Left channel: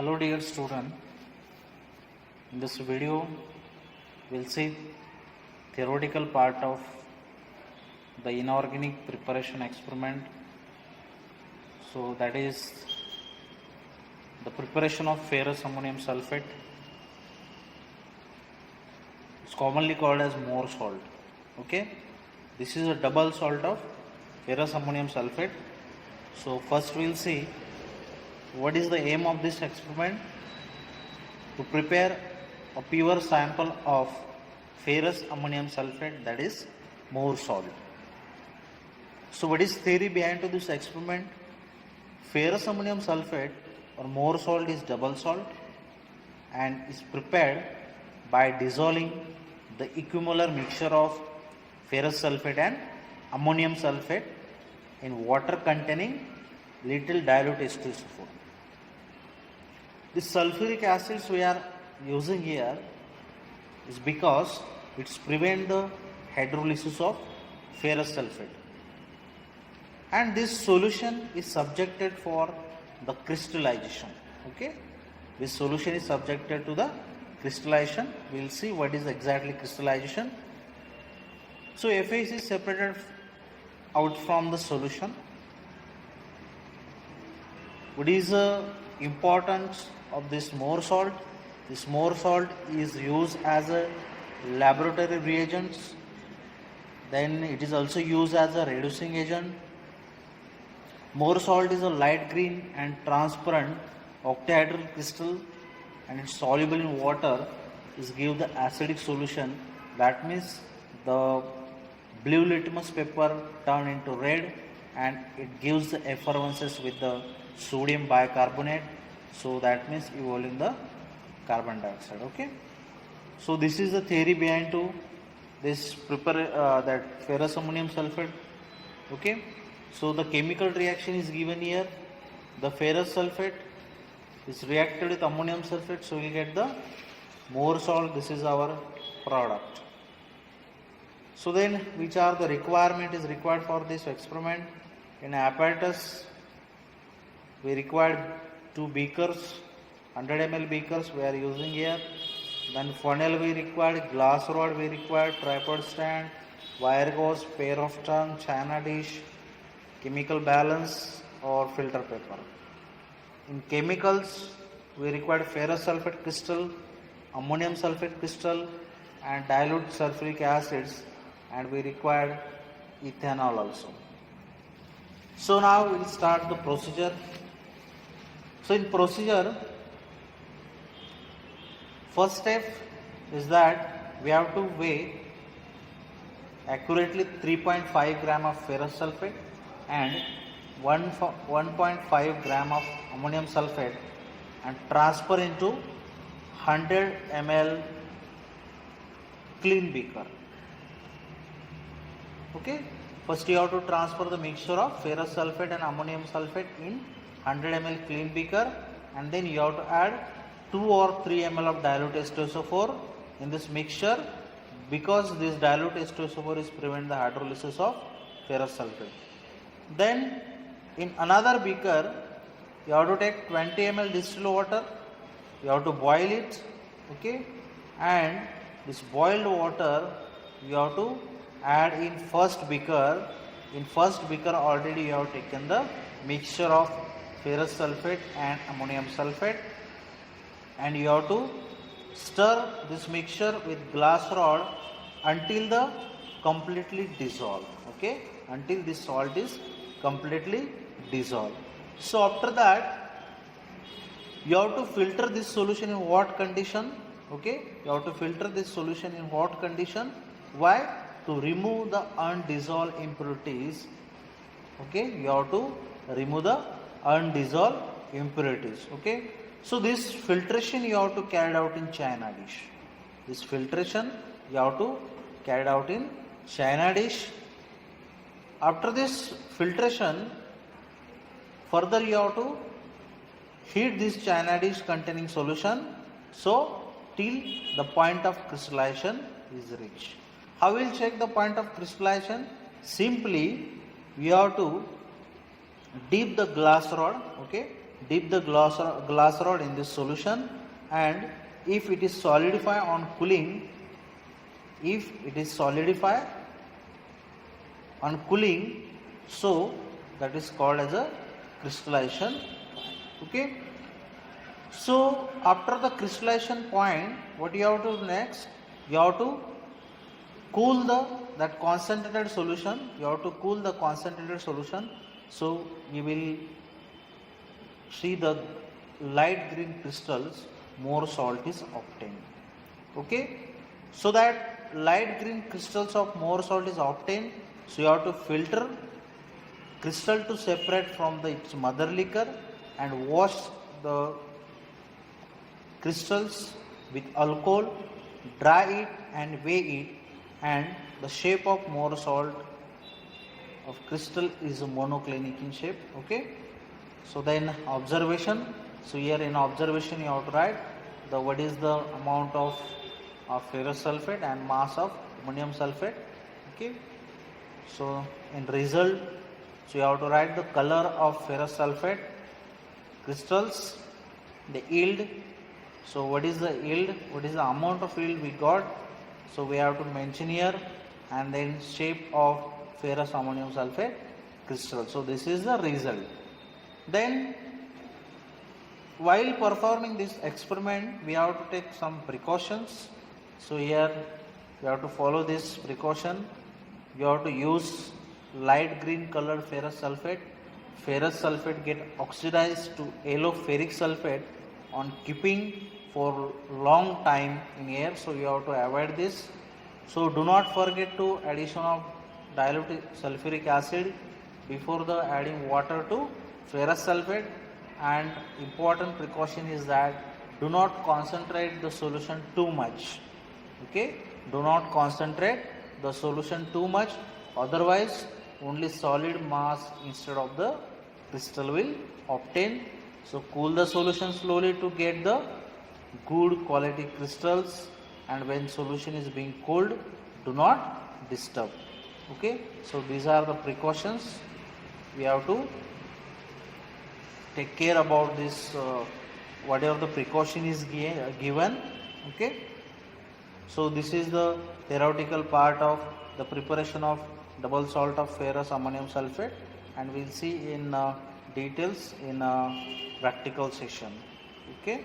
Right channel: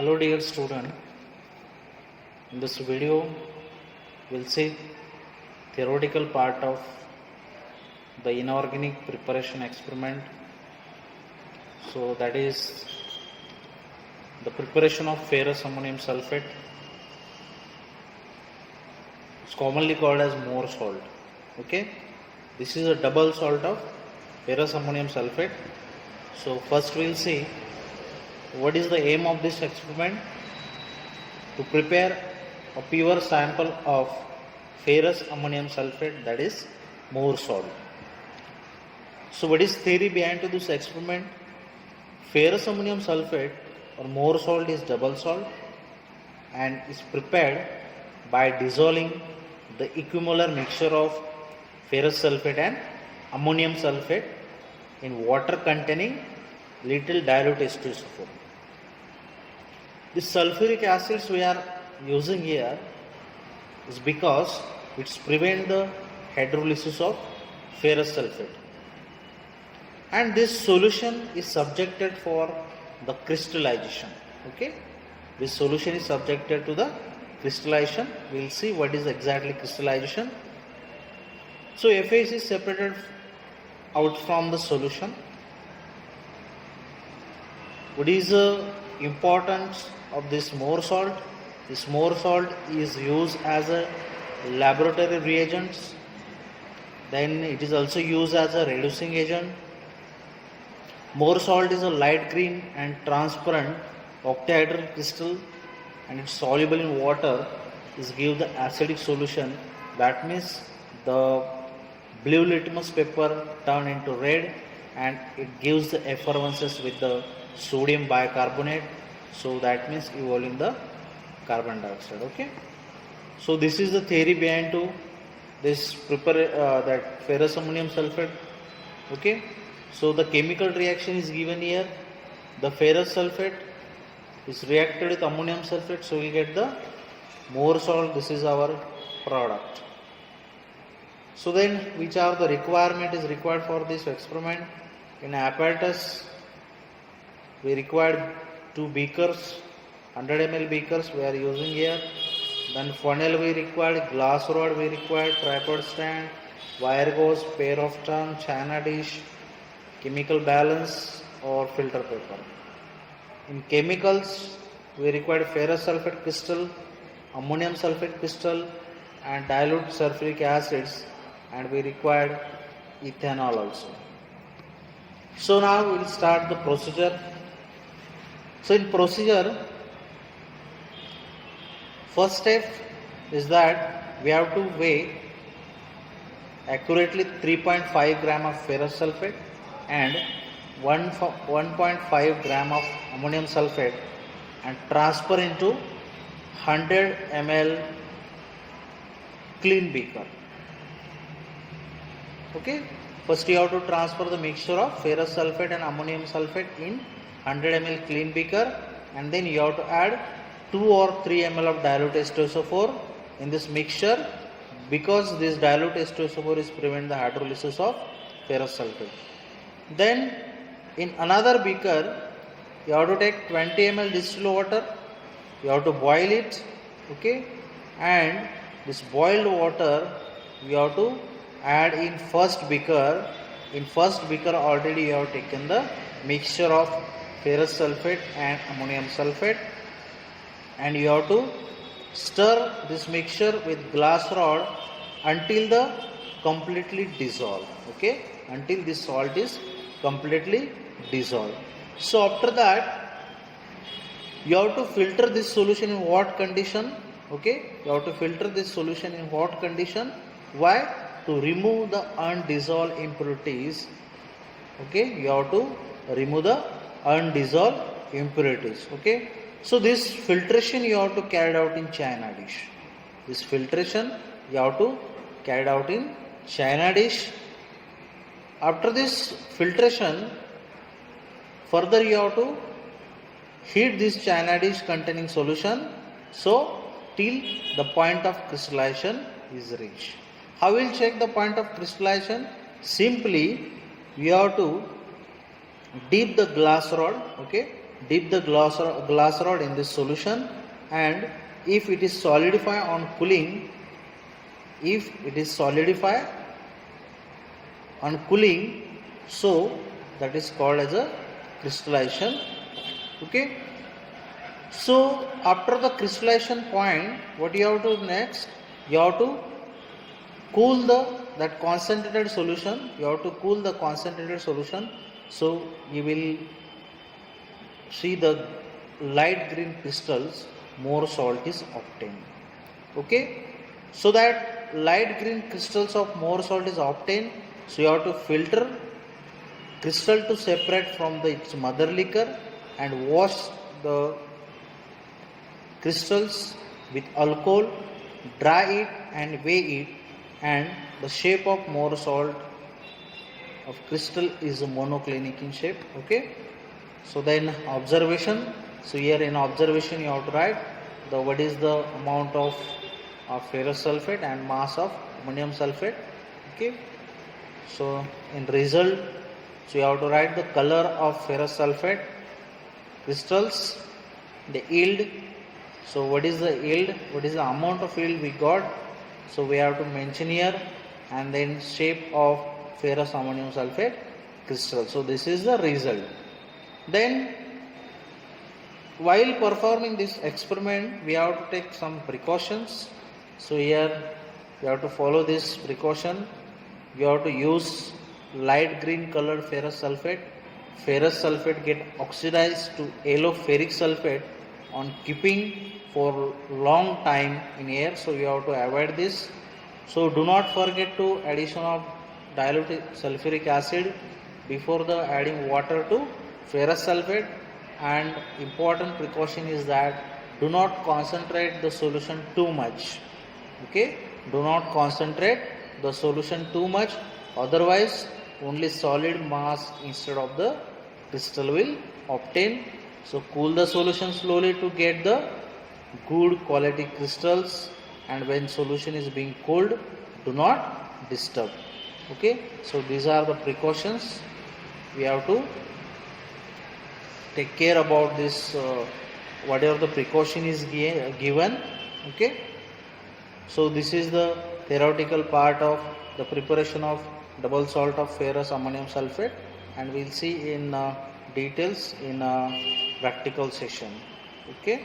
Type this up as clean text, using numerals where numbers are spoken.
Hello dear student, in this video we'll see theoretical part of the inorganic preparation experiment. So that is the preparation of ferrous ammonium sulfate. It's commonly called as Mohr salt. Okay, this is a double salt of ferrous ammonium sulfate. So first we'll see what is the aim of this experiment. To prepare a pure sample of ferrous ammonium sulfate, that is Mohr salt. So what is theory behind this experiment? Ferrous ammonium sulfate or Mohr salt is double salt and is prepared by dissolving the equimolar mixture of ferrous sulfate and ammonium sulfate in water containing little dilute H2SO4. The sulfuric acids we are using here is because it's prevent the hydrolysis of ferrous sulfate, and this solution is subjected for the crystallization. Okay, this solution is subjected to the crystallization. We will see what is exactly crystallization. So FAC is separated out from the solution. What is the importance of this Mohr salt? This Mohr salt is used as a laboratory reagent. Then it is also used as a reducing agent. Mohr salt is a light green and transparent octahedral crystal, and it's soluble in water. Is give the acidic solution. That means the blue litmus paper turn into red, and it gives the effervescence with the sodium bicarbonate. So that means evolving the carbon dioxide. Okay. So this is the theory behind to this that ferrous ammonium sulfate. Okay. So the chemical reaction is given here. The ferrous sulfate is reacted with ammonium sulfate, so we get the Mohr salt. This is our product. So then, which are the requirement is required for this experiment? In apparatus, we required 2 beakers, 100 ml beakers we are using here. Then funnel we required, glass rod we required, tripod stand, wire gauze, pair of tongue, china dish, chemical balance or filter paper. In chemicals, we required ferrous sulfate crystal, ammonium sulfate crystal and dilute sulfuric acids, and we required ethanol also. So now we will start the procedure. So in procedure, first step is that we have to weigh accurately 3.5 gram of ferrous sulfate and 1.5 gram of ammonium sulfate and transfer into 100 ml clean beaker. Okay, first you have to transfer the mixture of ferrous sulfate and ammonium sulfate in 100 ml clean beaker, and then you have to add 2 or 3 ml of dilute H2SO4 in this mixture, because this dilute H2SO4 is prevent the hydrolysis of ferrous sulfate. Then in another beaker you have to take 20 ml distilled water, you have to boil it. Okay, and this boiled water you have to add in first beaker. In first beaker already you have taken the mixture of ferrous sulfate and ammonium sulfate, and you have to stir this mixture with glass rod until the completely dissolved. Okay, until this salt is completely dissolved. So after that you have to filter this solution in what condition? Okay, you have to filter this solution in what condition? Why? To remove the undissolved impurities. Okay, you have to remove the undissolved impurities. Okay, so this filtration you have to carry out in china dish. This filtration you have to carry out in china dish. After this filtration, further you have to heat this china dish containing solution, so till the point of crystallization is reached. How will check the point of crystallization? Simply we have to dip the glass rod, okay, dip the glass rod in this solution, and if it is solidify on cooling, so that is called as a crystallization. Okay, so after the crystallization point, what you have to next, you have to cool that concentrated solution. So you will see the light green crystals, more salt is obtained. Okay, so that light green crystals of more salt is obtained, so you have to filter crystal to separate from its mother liquor and wash the crystals with alcohol, dry it and weigh it, and the shape of more salt of crystal is monoclinic in shape. Okay, so then observation. So here in observation you have to write what is the amount of ferrous sulfate and mass of ammonium sulfate. Okay, so in result, so you have to write the color of ferrous sulfate crystals, the yield. So what is the yield, what is the amount of yield we got, so we have to mention here, and then shape of ferrous ammonium sulfate crystal. So this is the result. Then while performing this experiment, we have to take some precautions. So here you have to follow this precaution. You have to use light green colored ferrous sulfate. Ferrous sulfate get oxidized to yellow ferric sulfate on keeping for long time in air, so you have to avoid this. So do not forget to addition of dilute sulfuric acid before the adding water to ferrous sulfate. And important precaution is that do not concentrate the solution too much. Okay, do not concentrate the solution too much, otherwise only solid mass instead of the crystal will obtain. So cool the solution slowly to get the good quality crystals, and when solution is being cooled, do not disturb. Okay, so these are the precautions we have to take care about this, whatever the precaution is given. Okay, so this is the theoretical part of the preparation of double salt of ferrous ammonium sulfate, and we'll see in details in a practical session. Okay.